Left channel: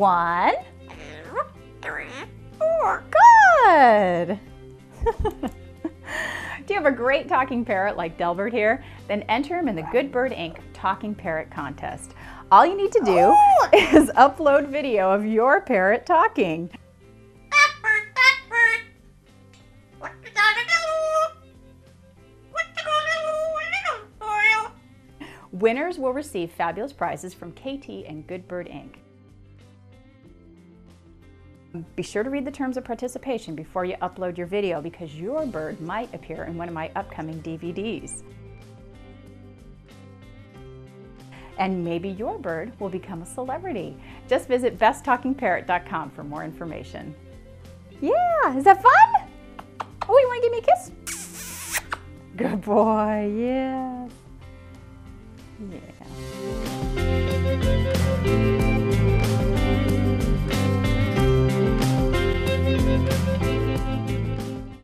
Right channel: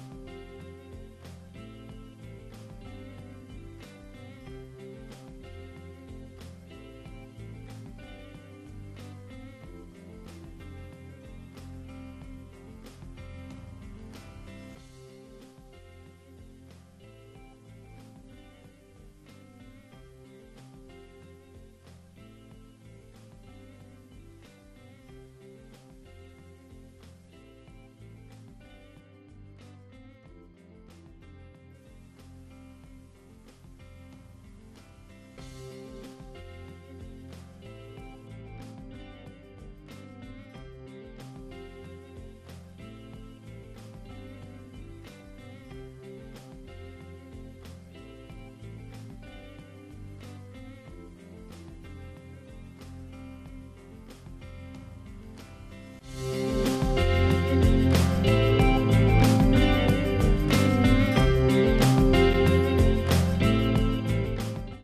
1, 3, 4. Good. Do you have a great talking parrot like Delbert here? Then enter him in the Good Bird Inc. Talking Parrot Contest. All you need to do is upload video of your parrot talking. What you gonna do? What you gonna do, little boy? Winners will receive fabulous prizes from KT and Good Bird Inc. Be sure to read the terms of participation before you upload your video because your bird might appear in one of my upcoming DVDs. And maybe your bird will become a celebrity. Just visit besttalkingparrot.com for more information. Yeah, is that fun? Oh, you want to give me a kiss? Good boy, yeah.